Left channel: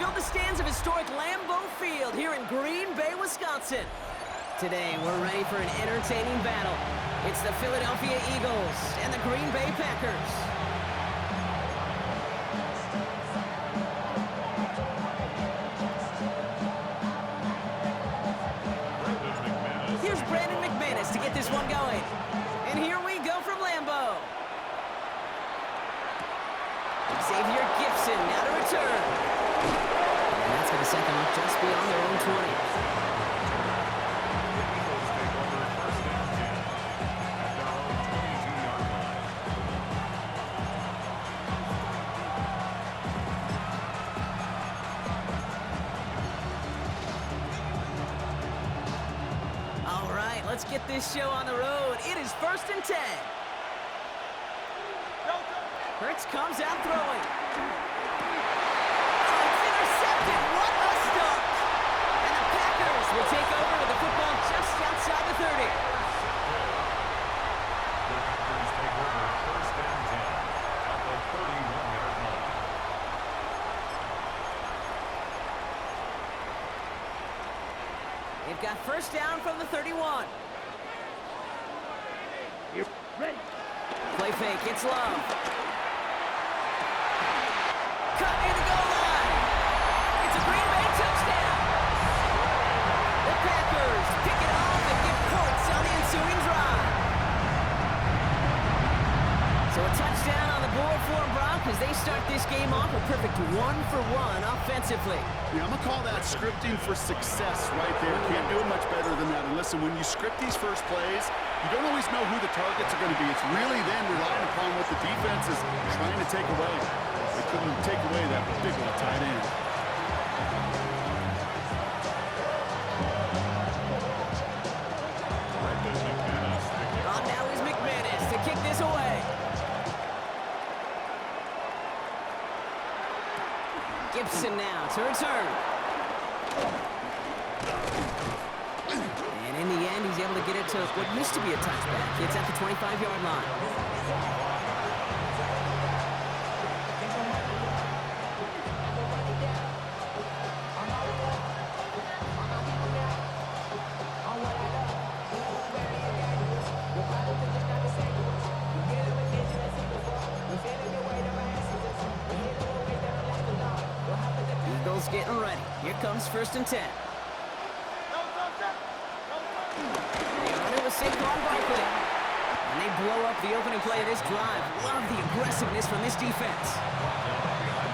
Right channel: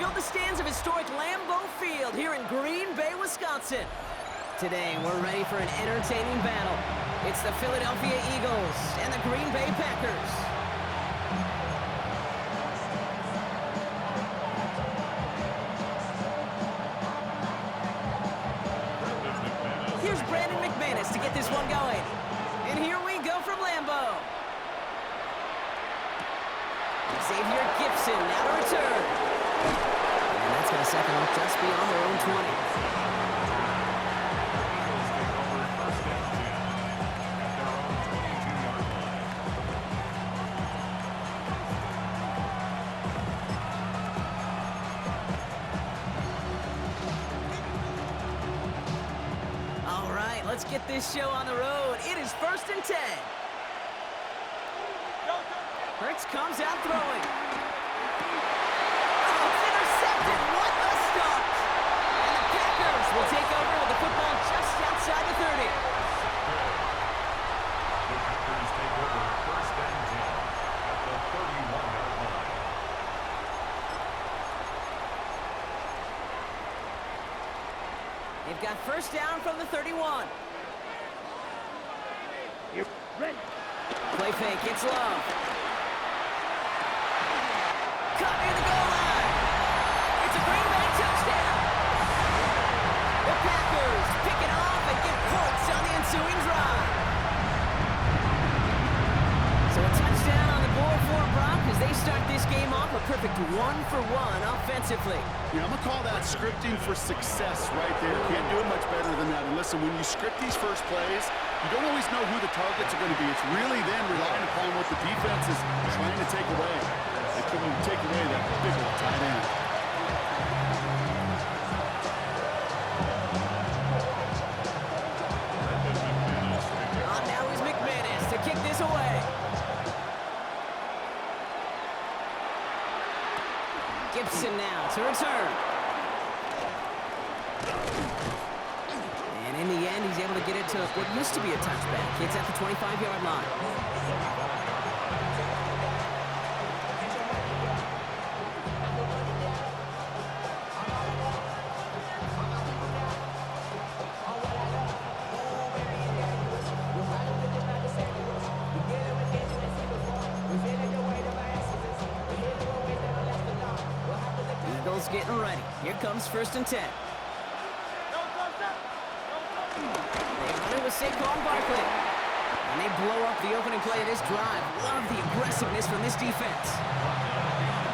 filled the stands of historic Lambeau Field here in Green Bay, Wisconsin. Today, we're ready for an entertaining battle. It's the Philadelphia Eagles and the Green Bay Packers. Here's Brandon McManus to get this one going. And here we go from Lambeau. Xavier Gipson now to return. And that's going to set them up just beyond their own 20. All right, let's get this show on the road. It is 1st and 10. Hurts comes out throwing. Oh, it's intercepted. What a start. And the Packers will take over with the football just outside the 30. The Packers take over 1st and 10 at the 31-yard line. They've got first down from the 31. You're ready. Play fake, it's Love. Cut near the goal line. It's a Green Bay touchdown. The Packers pick it off and get points on the ensuing drive. So a touchdown on the board for Brock as they start this game off a perfect 1-for-1 offensively. Yeah, I'm going to call that scripting for success right there. Can't do it much better than that. And listen, when you script these first plays, you don't always know who the targets are going to be. It's really then relying upon what the defense is trying to take away. They couldn't take away that big old tight end. Oh, now is McManus to kick this away. Gipson now to return. And in the end, he's able to get it to what used to be a touchback. It's at the 25-yard line. Eagles getting ready. Here comes 1st and 10. They run it with Saquon Barkley. And they blow up the opening play of this drive. Love the aggressiveness from this defense.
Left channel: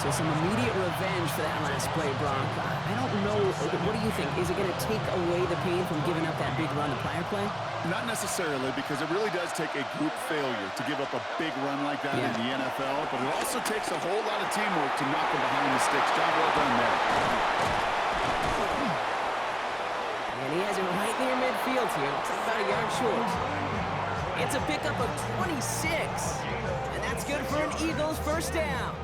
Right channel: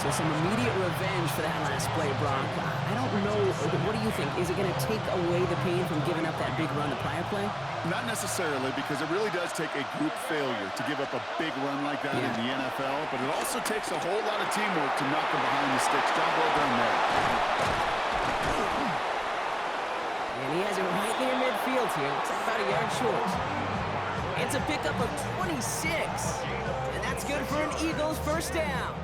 So some immediate revenge for that last play, Brock. I don't know. What do you think? Is it going to take away the pain from giving up that big run the prior play? Not necessarily, because it really does take a group failure to give up a big run like that in the NFL, but it also takes a whole lot of teamwork to knock them behind the sticks. Job well done there. And he has it right near midfield here. Looks like about a yard short. It's a pickup of 26. And that's good for an Eagles first down.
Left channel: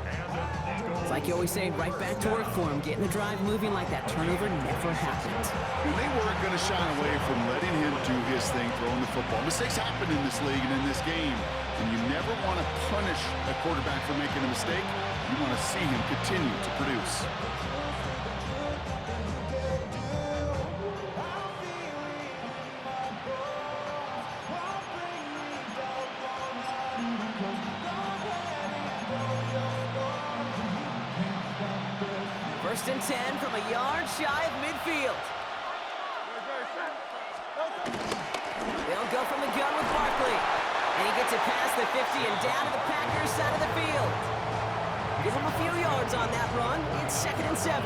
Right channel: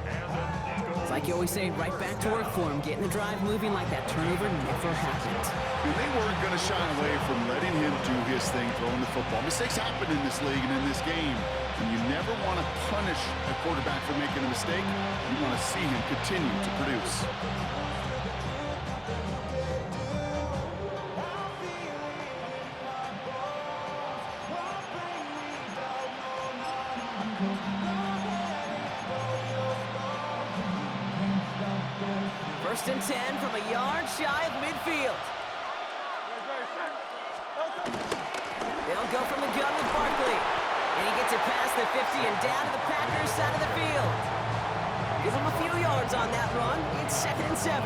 It's like you always say, right back to work for him. Getting the drive moving like that turnover never happened. And they weren't going to shy away from letting him do his thing, throwing the football. Mistakes happen in this league and in this game. And you never want to punish a quarterback for making a mistake. You want to see him continue to produce. First and 10 from a yard shy of midfield. They'll go from the gun with Barkley. And he gets it past the 50 and down to the Packers side of the field. Give him a few yards on that run. It's 2nd and 7.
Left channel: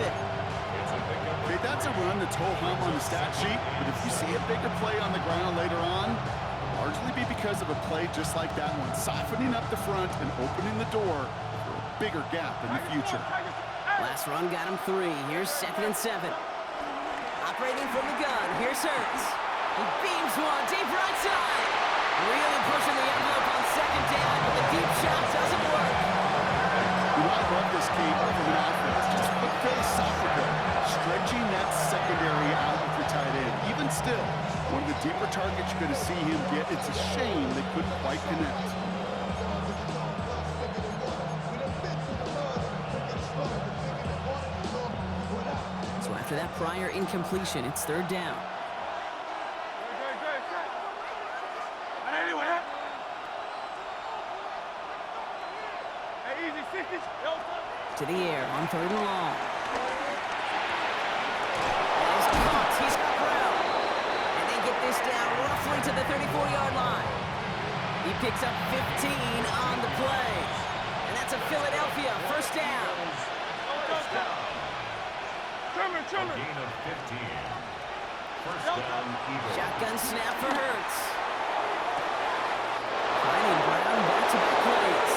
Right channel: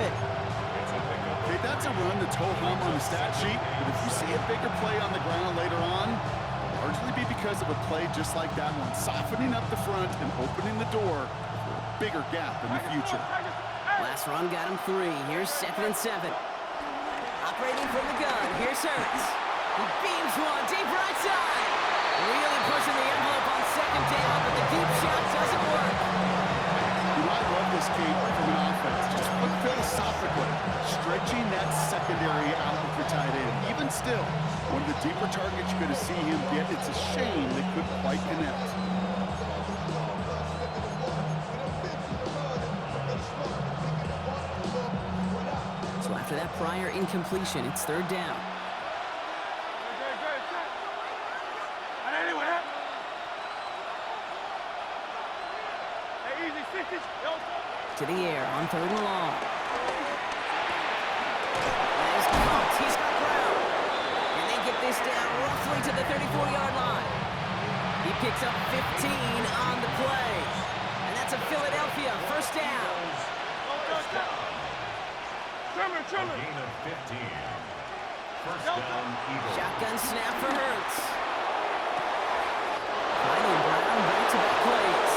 Okay, that's a run that's ho-hum on the stat sheet, but if you see a bigger play on the ground later on, it'll largely be because of a play just like that one, softening up the front and opening the door for a bigger gap in the future. Last run got him 3. Here's 2nd and 7. Operating from the gun. Here's Hurts. He beams one deep right side. Really pushing the envelope on 2nd down, but the deep shot doesn't work. You know, I love this, Kate, from an offense. Just look philosophically, stretching that secondary out with your tight end. Even still, one of the deeper targets you're going to see him get. It's a shame they couldn't quite connect. after that prior incompletion. It's third down. To the air on third and long. That is caught. He's got Brown. And they get this down roughly to the 34-yard line. He picks up 15 on the play. And that's a Philadelphia first down. A gain of 15. First down, Eagles. Shotgun snap for Hurts. Finding Brown back-to-back plays.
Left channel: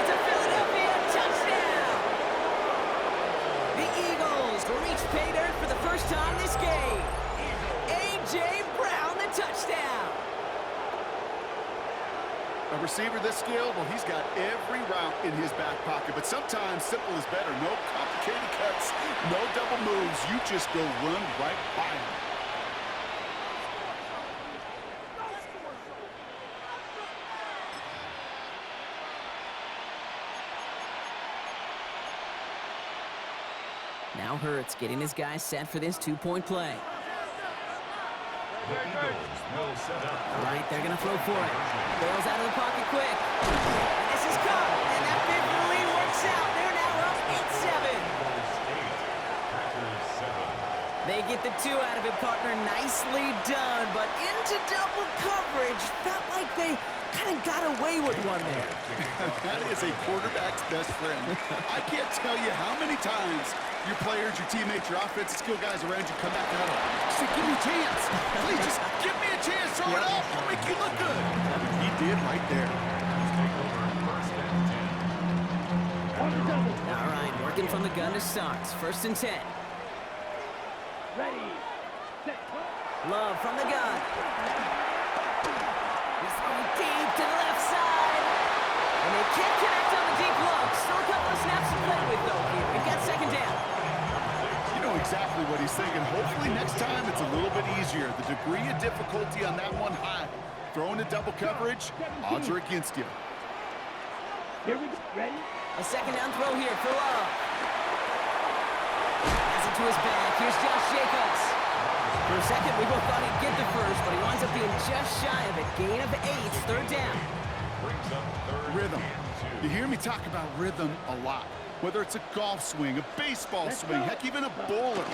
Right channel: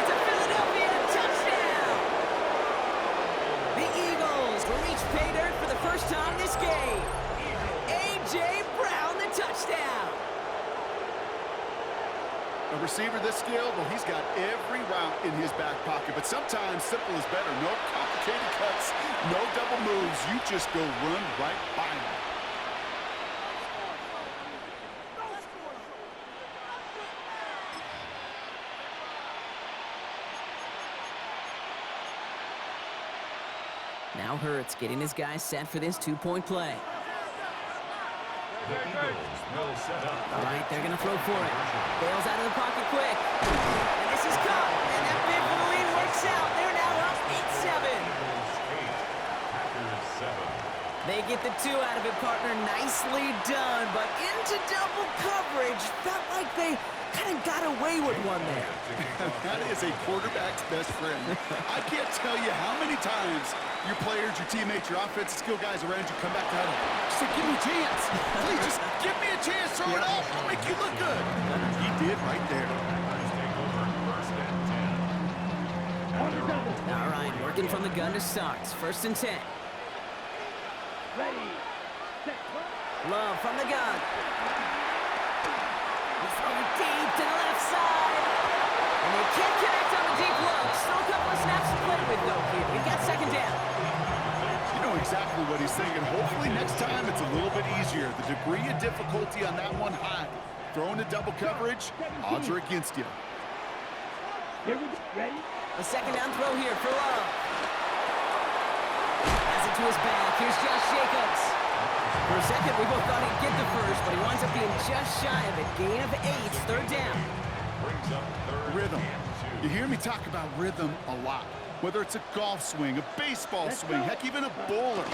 It's a Philadelphia touchdown! The Eagles reach pay dirt for the first time this game. A.J. Brown, the touchdown. A receiver this skilled, well, he's got every route in his back pocket, but sometimes simple is better. No complicated cuts, no double moves. You just go run right by him. Now Hurts getting his guys set for this two-point play. The Eagles will set up. All right, they're going to throw for it. Bails out of the pocket quick. And this is caught. And that bid for the lead works out. They're now up 8-7. Eagles 8, Packers 7. They get the two out of it, partner. Nicely done. But into double coverage. Felt like they kind of got away with one there. That is a quarterback's best friend. I can't tell you how many times your players, your teammates, your offensive skill guys around you come back to huddle. Just say, give me a chance. Please, just give me a chance. Throw it up. I'll make you look good. He did right there. Take over first and 10. At their own All right, working from the gun to start. First and 10. Ready, set, Love from the gun. He's throwing deep to the left side. And they can't connect on the deep look. Still a couple of snaps to play with, though, here. We've got second down. You know exactly what he's thinking. Hopefully next time it's a little bit easier. The degree of difficulty on that one high. Throwing to double coverage, odds are against you. here we go, ready, A second down throw here for Love. Has it to his back. Here's Josh Jacobs. For a second, we both thought he'd get the first, but he winds up being just shy of it. Gain of 8, third down. brings up third Rhythm. and 2. You hear me talk about rhythm a lot. Whether it's a golf swing, a baseball swing, heck, even a bowler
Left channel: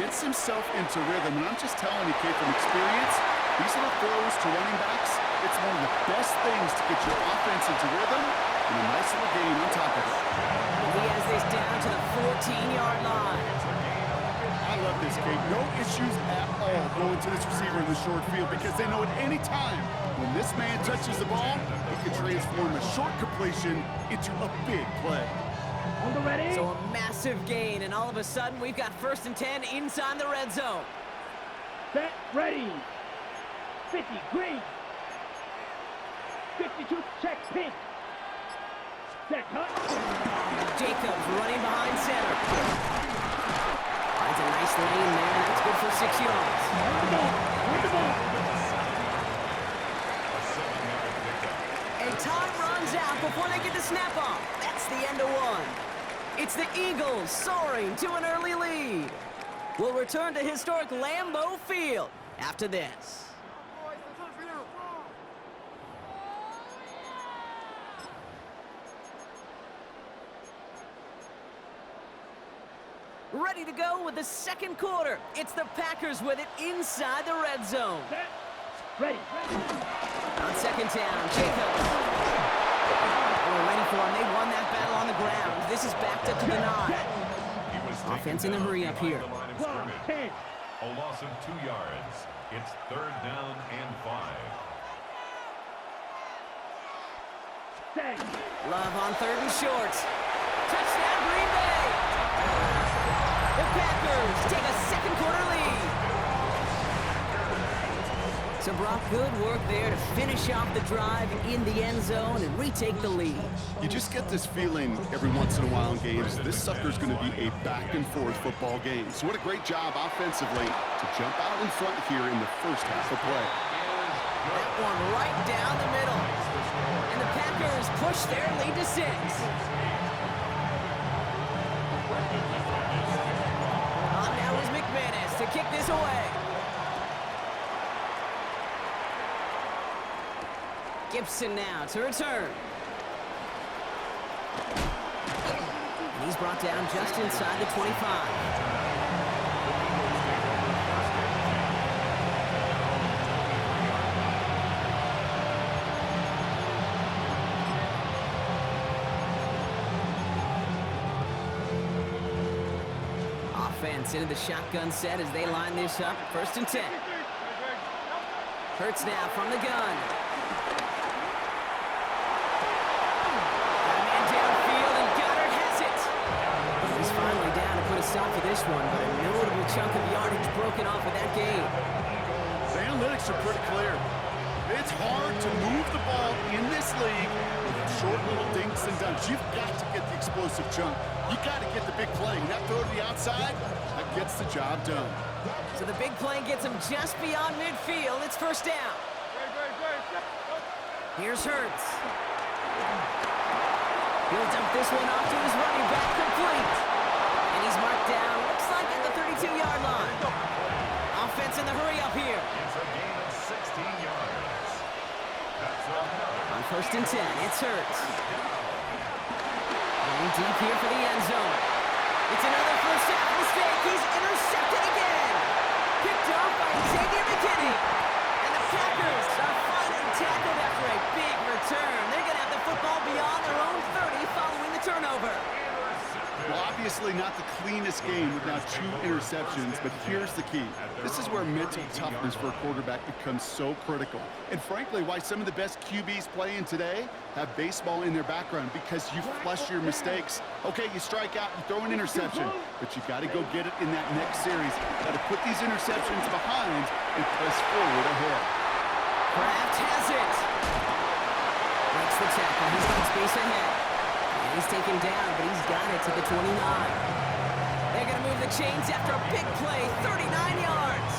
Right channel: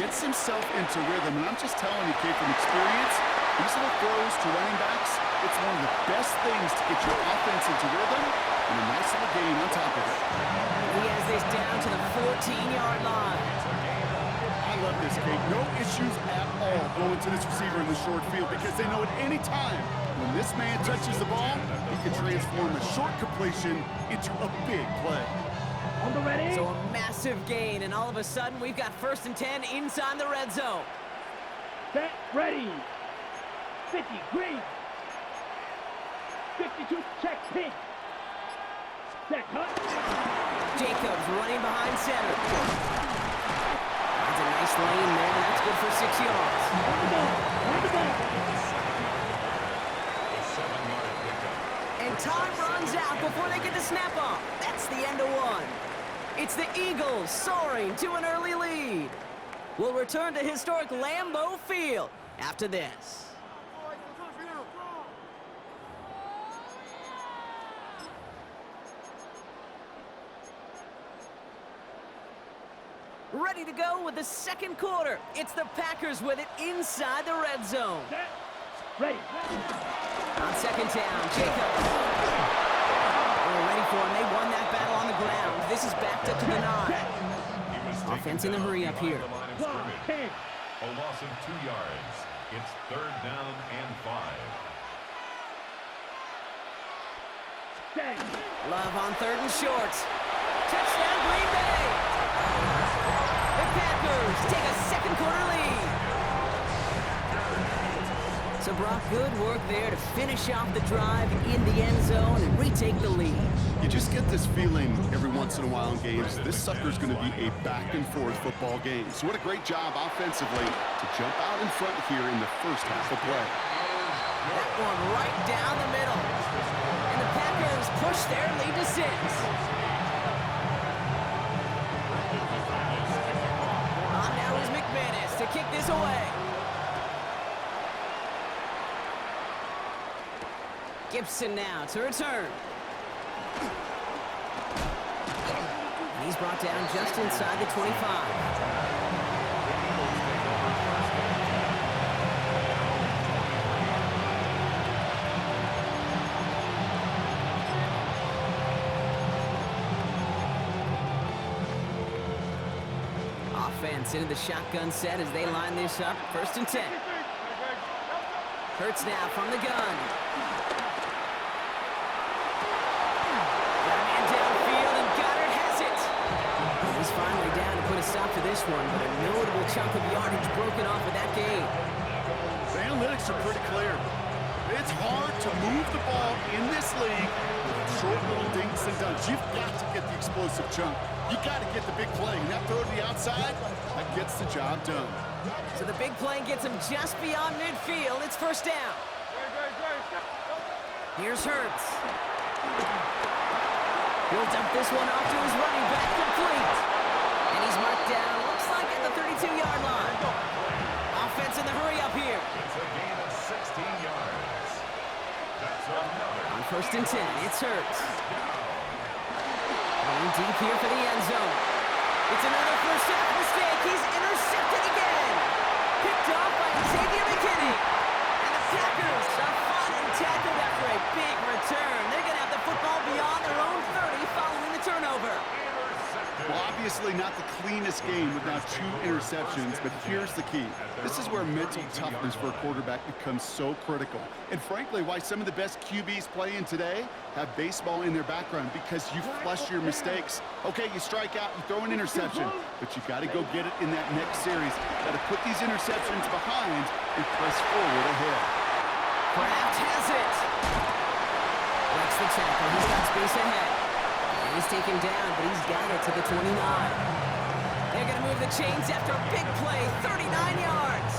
gets himself into rhythm. And I'm just telling you, Kate, from experience, these little throws to running backs, it's one of the best things to get your offense into rhythm and a nice little gain on top of it. He has this down to the 14-yard line. I love this, Kate. No issues at all going to this receiver in the short field because they know at any time when this man touches the ball, he can transform a short completion into a big play. on the ready, So a massive gain, and all of a sudden, we've got first and 10 inside the red zone. set, ready, 50, green, 52, check, pink, set, cut, Jacobs running behind center. Finds a nice lane there, and that's good for 6 yards. on the ball, on the ball, A 7-yard pickup. And time runs out before they get the snap off. That's the end of one. It's the Eagles soaring to an early lead. We'll return to historic Lambeau Field after this. Ready to go with the second quarter. It's the Packers with it inside the red zone. set, ready, On second down, Jacobs. We're ready for him. They won that battle on the ground. This is backed up to the 9. He was Offense taken in a down hurry up behind here. the line of 12, scrimmage. 10, A loss of 2 yards. It's third down and 5. set, Love on third and short. Touchdown, Green Bay. The Packers take a second quarter lead. So Brock, good work there to finish off the drive in the end zone and retake the lead. You just get this feeling every once in a while in games, this sucker's going to be a back-and-forth football game. So what a great job offensively to jump out in front here in the first half of play. That one right down the middle. And the Packers push their lead to 6. On now is kick this away. Gibson now to return. And he's brought down just inside the 25. Offense into the shotgun set as they line this up. 1st and 10. Hurts now from the gun. Got a man downfield, and Goddard has it. Well, he's finally down to put a stop to this one, but a notable chunk of yardage broken off with that gain. The analytics are pretty clear. It's hard to move the ball in this league with short little dinks and dunks. You've got to get the explosive chunk. You got to get the big play. And that throw to the outside, that gets the job done. So the big play gets him just beyond midfield. It's 1st down. Here's Hurts. He'll dump this one off to his running back, complete. And he's marked down, looks like at the 32-yard line. Offense in the hurry up here. It's a gain of 16 yards. That's another. On 1st and 10, it's Hurts. Going deep here for the end zone. It's another first half mistake. He's intercepted again. Picked off by Xavier McKinney. And the Packers are finally tackled after a big return. They're going to have the football beyond their own 30 following the turnover. Well, obviously not the cleanest game with now 2 interceptions, but here's the key. This is where mental toughness for a quarterback becomes so critical. And frankly, why some of the best QBs playing today have baseball in their background, because you flush your mistakes. Okay, you strike out, you throw an interception, but you got to go get it in that next series. Got to put these interceptions behind and press forward ahead. Kraft has it. Breaks the tackle. He's got space ahead. And he's taken down, but he's got it to the 29. They're going to move the chains after a big play, 39 yards.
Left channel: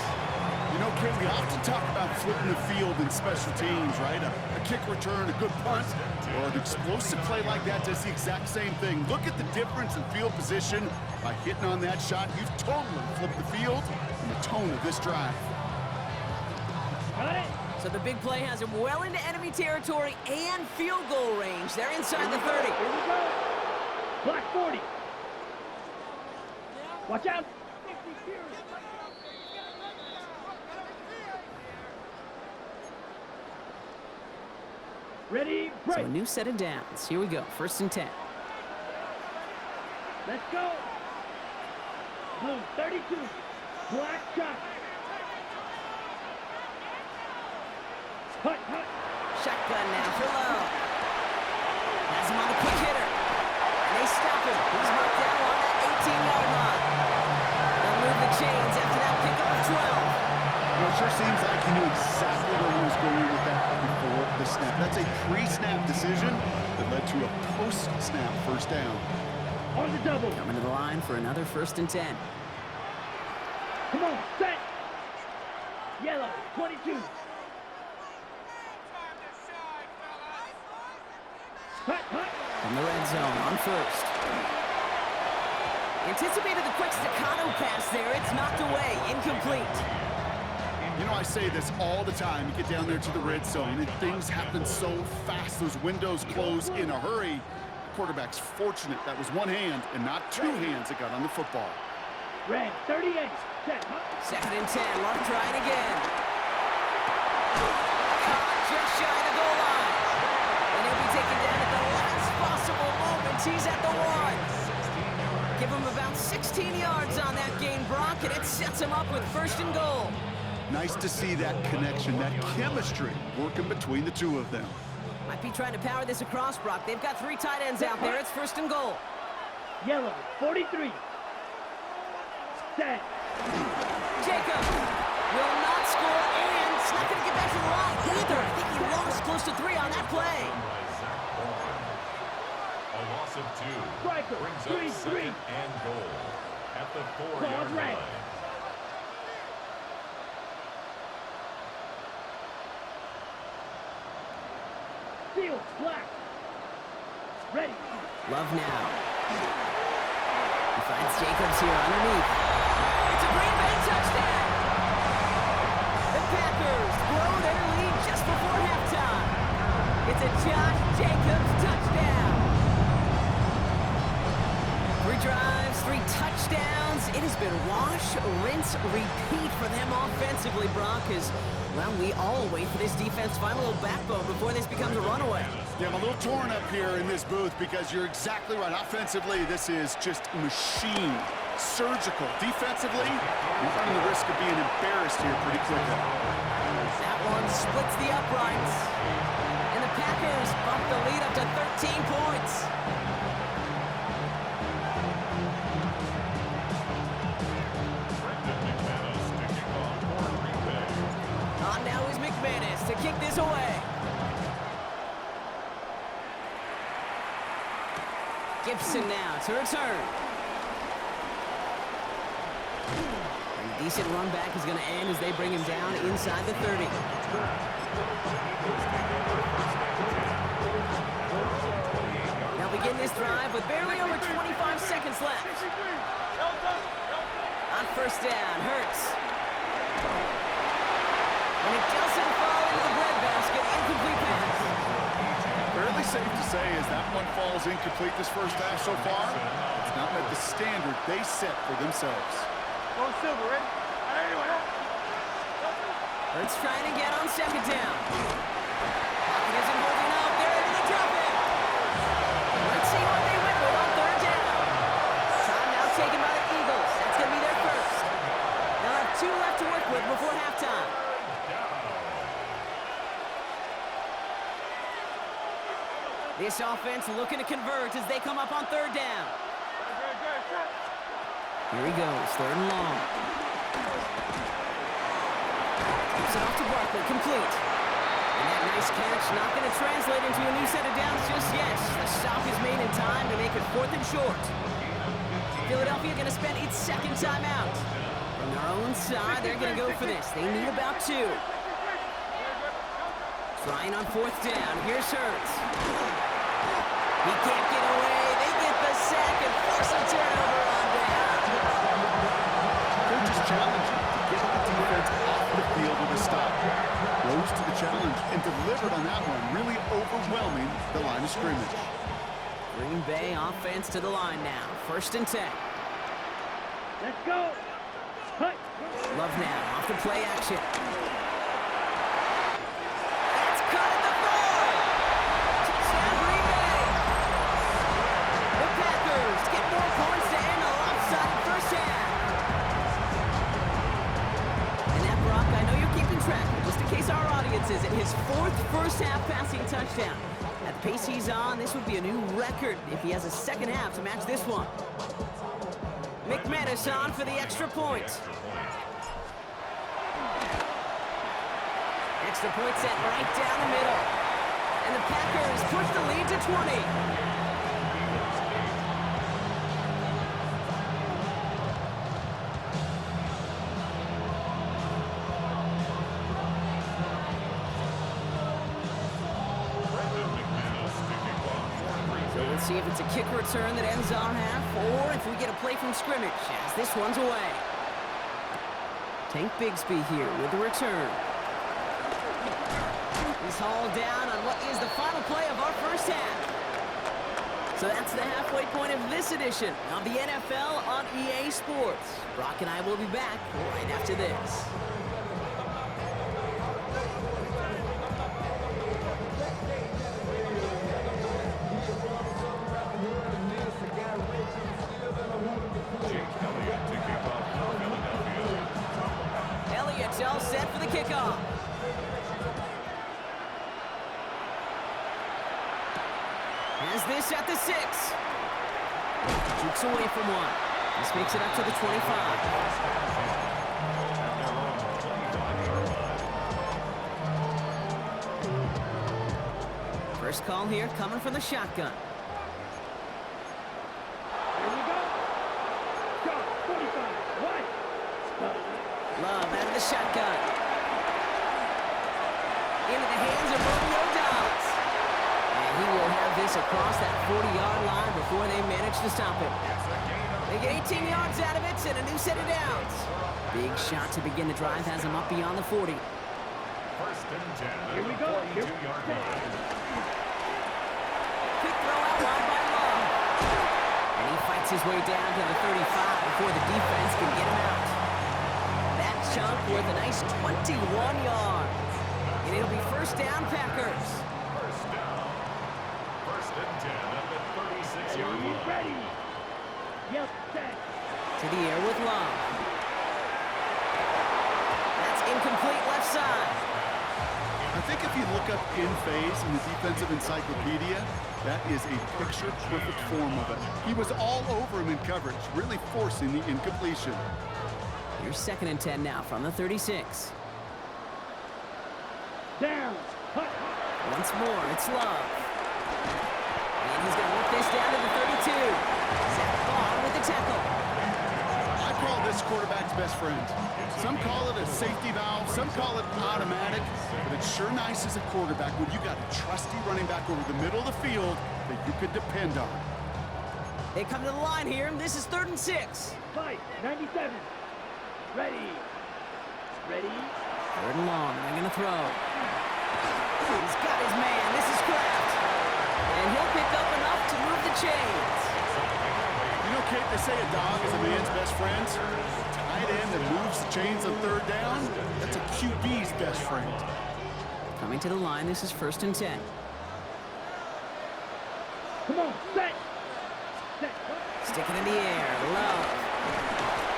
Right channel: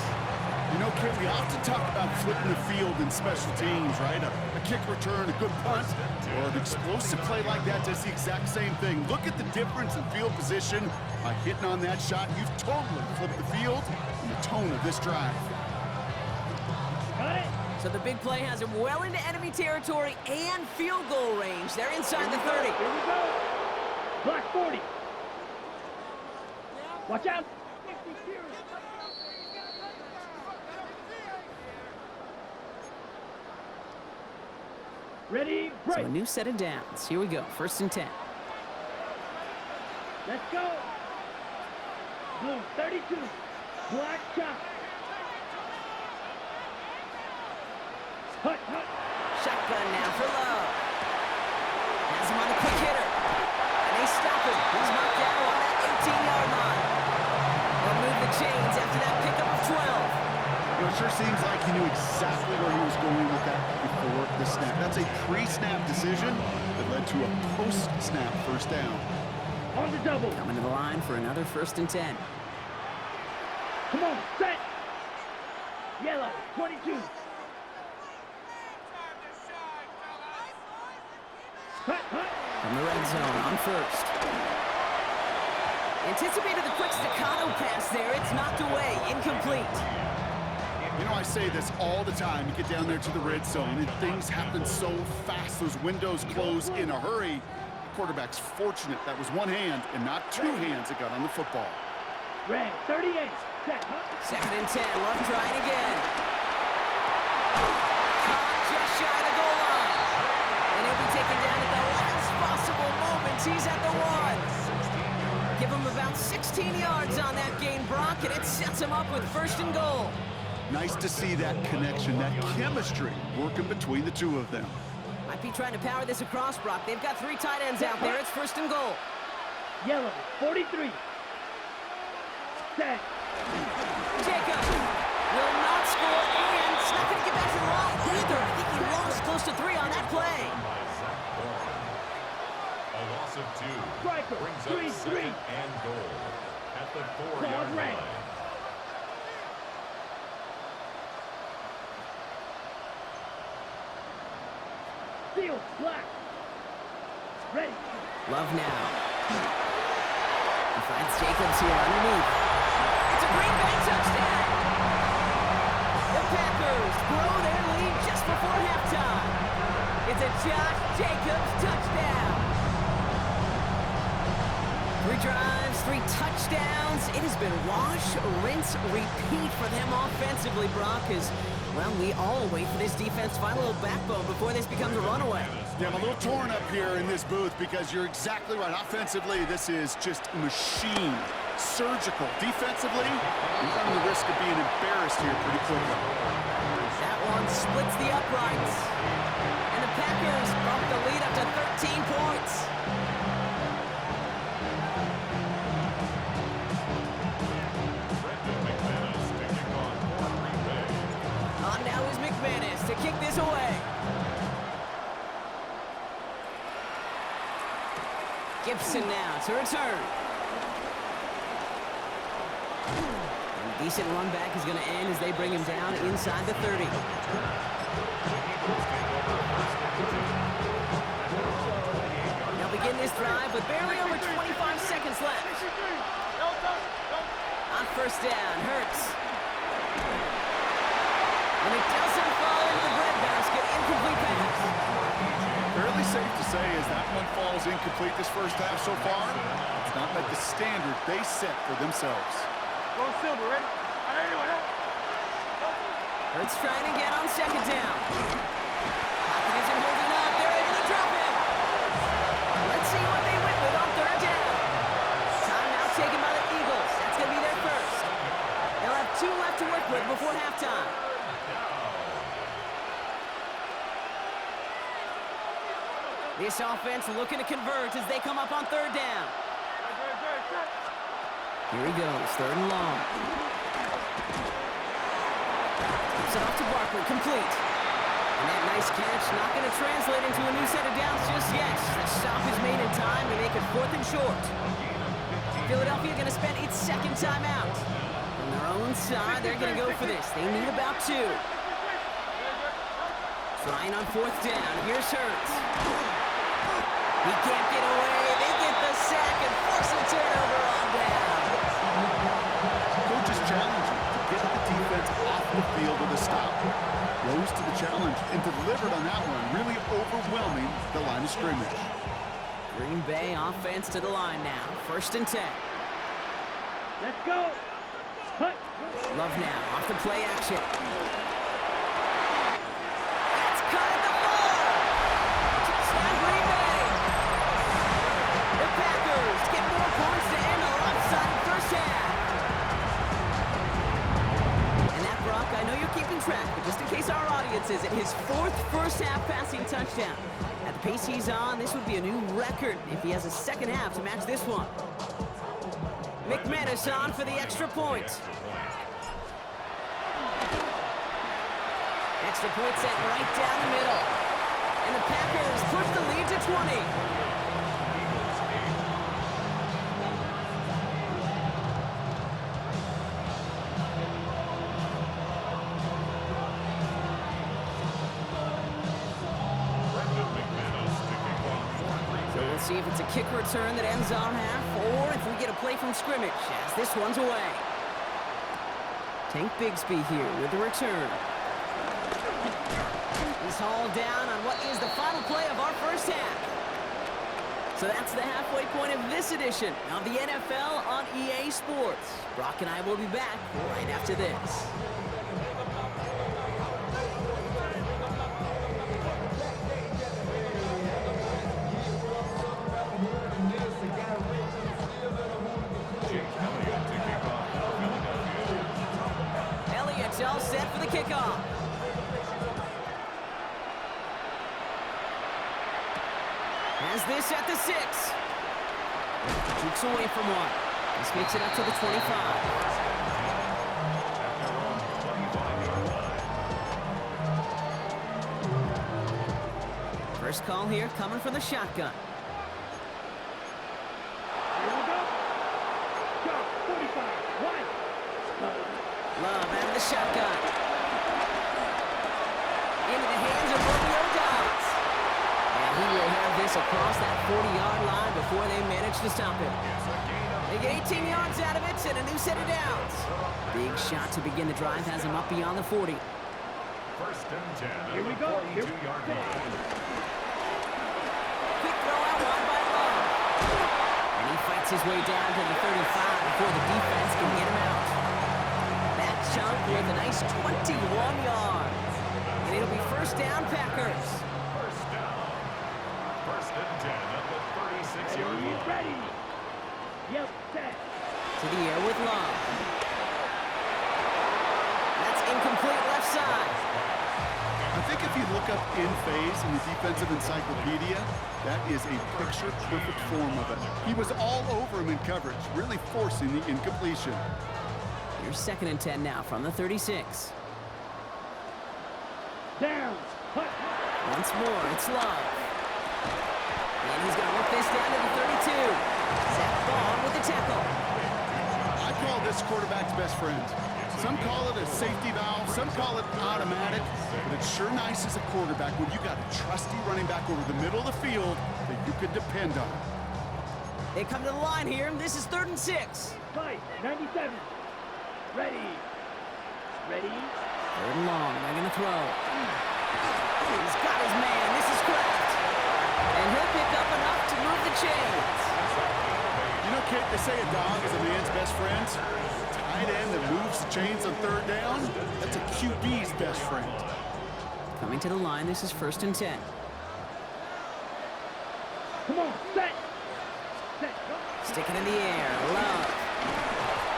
You know, Ken, we often talk about flipping the field in special teams, right? A kick return, a good punt, or an explosive play like that does the exact same thing. Look at the difference in field position. By hitting on that shot, you've totally flipped the field and the tone of this drive. Got it. So the big play has him well into enemy territory and field goal range. They're inside the 30. Here we go. Black 40. Watch out. Ready, break. So a new set of downs. Here we go. 1st and 10. Let's go. Blue 32. Black shot. Hut, hut. Shotgun now for Love. Has him on the quick hitter. And they stop him. He's marked down on that 18-yard line. They'll move the chains after that pickup of 12. You know, it sure seems like he knew exactly where he was going with that before the snap. That's a pre-snap decision that led to a post-snap 1st down. On the double. Coming to the line for another 1st and 10. Come on, set. Yellow 22. Hut, hut. From the red zone on 1st. Anticipated the quick staccato pass there. It's knocked away. Incomplete. You know, I say this all the time. You get down there to the red zone, and things happen so fast. Those windows close in a hurry. The quarterback's fortunate that was one hand and not 2 hands that got on the football. Red 38. Set, hut. 2nd and 10. Love trying again. Caught just shy of the goal line. And he'll be taken down at the last possible moment. He's at the 1. Give him about 16 yards on that gain, Brock, and it sets him up with 1st and goal. Nice to see that connection, that chemistry working between the 2 of them. Might be trying to power this across, Brock. They've got 3 tight ends out there. It's 1st and goal. Yellow 43. Set. Jacob will not score, and it's not going to get back to the line either. I think he lost close to 3 on that play. By Zach Bourne. A loss of 2 Striker, brings 3-3. up 2nd and goal at the 4-yard red. line. Field black. Ready. Love now. He finds Jacobs here underneath. It's a a Green Bay touchdown. The Packers grow their lead just before halftime. It's a Josh Jacobs touchdown. 3 drives, 3 touchdowns. It has been wash, rinse, repeat for them offensively, Brock, as, well, we all wait for this defense to find a little backbone before this becomes a runaway. Yeah, I'm a little torn up here in this booth because you're exactly right. Offensively, this is just a machine. Surgical. Defensively, you're running the risk of being embarrassed here pretty quickly. That one splits the uprights. And the Packers bump the lead up to 13 points. On now is McManus to kick this away. Gibson now to return. And a decent run back is going to end as they bring him down inside the 30. They'll begin this drive with barely over 25 seconds left. On first down, Hurts. And it doesn't fall into the breadbasket. Incomplete pass. Fairly safe to say as that one falls incomplete this first half so far, it's not met the standard they set for themselves. Go Silver, ready? Hurts trying to get on second down. Pocket isn't holding up. They're able to drop it. Let's see what they went with on third down. Timeout taken by the Eagles. That's going to be their first. They'll have 2 left to work with before halftime. This offense looking to convert as they come up on third down. Here he goes, 3rd and long. Tips it off to Barkley, complete. And that nice catch not going to translate into a new set of downs just yet. The stop is made in time to make it 4th and short. Philadelphia going to spend its 2nd timeout. From their own side, they're going to go for this. They need about 2. Trying on 4th down. Here's Hurts. He can't get away. They get the sack and force a turnover on down. Coach is challenging to get the defense off the field with a stop. Rose to the challenge and delivered on that one, really overwhelming the line of scrimmage. Green Bay offense to the line now. 1st and 10. Let's go. Hut. Love now off the play action. That's caught at the 4. Touchdown Green Bay. The Packers get more points to end a lopsided first half. And that, Brock, I know you're keeping track, but just in case our audience isn't, his 4th first half passing touchdown. At the pace he's on, this would be a new record if he has a second half to match this one. McManus on for the extra point. Extra point set right down the middle. And the Packers push the lead to 20. So we'll see if it's a kick return that ends our half, or if we get a play from scrimmage, as this one's away. Tank Bigsby here with the return. He's hauled down on what is the final play of our first half. So that's the halfway point of this edition of the NFL on EA Sports. Brock and I will be back right after this. Elliott's all set for the kickoff. Has this at the 6. Jukes away from one. This makes it up to the 25. First call here coming from the shotgun. Here we go. Go. 45. One. Love out of the shotgun. Into the hands of Romeo Dobbs. And He will have this across that 40-yard line before they manage to stop him. They get 18 yards out of it and a new set of downs. Big shot to begin the drive has him up beyond the 40. First and 10 Here we at go. the 42-yard line. Quick throw out wide by Love. And he fights his way down to the 35 before the defense can get him out. That chunk worth a nice 21 yards. And it'll be first down, Packers. First down. First and 10 at the 36-yard line. Ready. Yep, set. To the air with Love. That's incomplete left side. I think if you look up in phase in the defensive encyclopedia, that is a picture-perfect form of it. He was all over him in coverage, really forcing the incompletion. Here's second and 10 now from the 36. Down. Cut. Once more, it's Love. And he's going to work this down to the 32. Zach Vaughn with the tackle. I call this quarterback's best friend. Some call it a safety valve, some call it automatic, but it's sure nice as a quarterback when you got a trusty running back over the middle of the field that you can depend on. They come to the line here. This is 3rd and 6. Fight. 97. Ready. Ready. 3rd and long. They're going to throw. He's got his man. This is Kraft. And he'll pick up enough to move the chains. You know, Kate, they say a dog is a man's best friend. Tight end that moves the chains on 3rd down, that's a QB's best friend. Coming to the line, this is 1st and 10. Come on. Set. Set. Go. Stick it in the air. Love.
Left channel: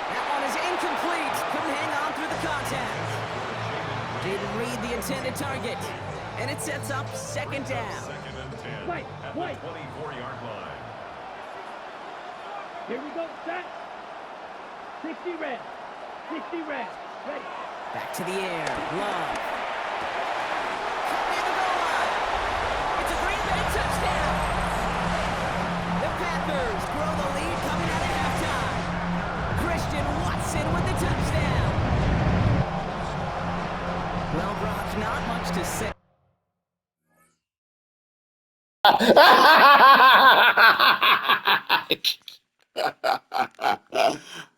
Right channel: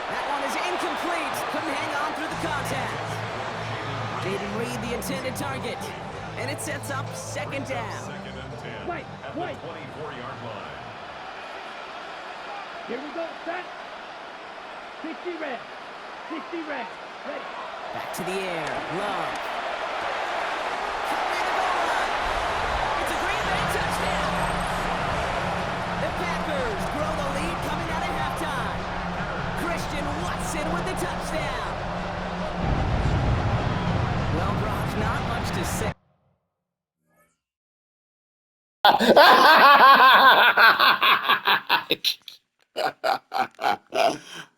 That one is incomplete. Couldn't hang on through the contact. Jaden Reed, the intended target. And it sets up 2nd down. Second and 10 Wait, at the wait. 24-yard line. Here we go. Set. 60 red. 60 red. Ready. Back to the air. Love. Cut near the goal line. It's a Green Bay touchdown. The Packers grow the lead coming out of halftime. Christian Watson with the touchdown. Well, Brock, not much to say.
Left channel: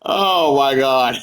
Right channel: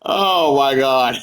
Oh my God.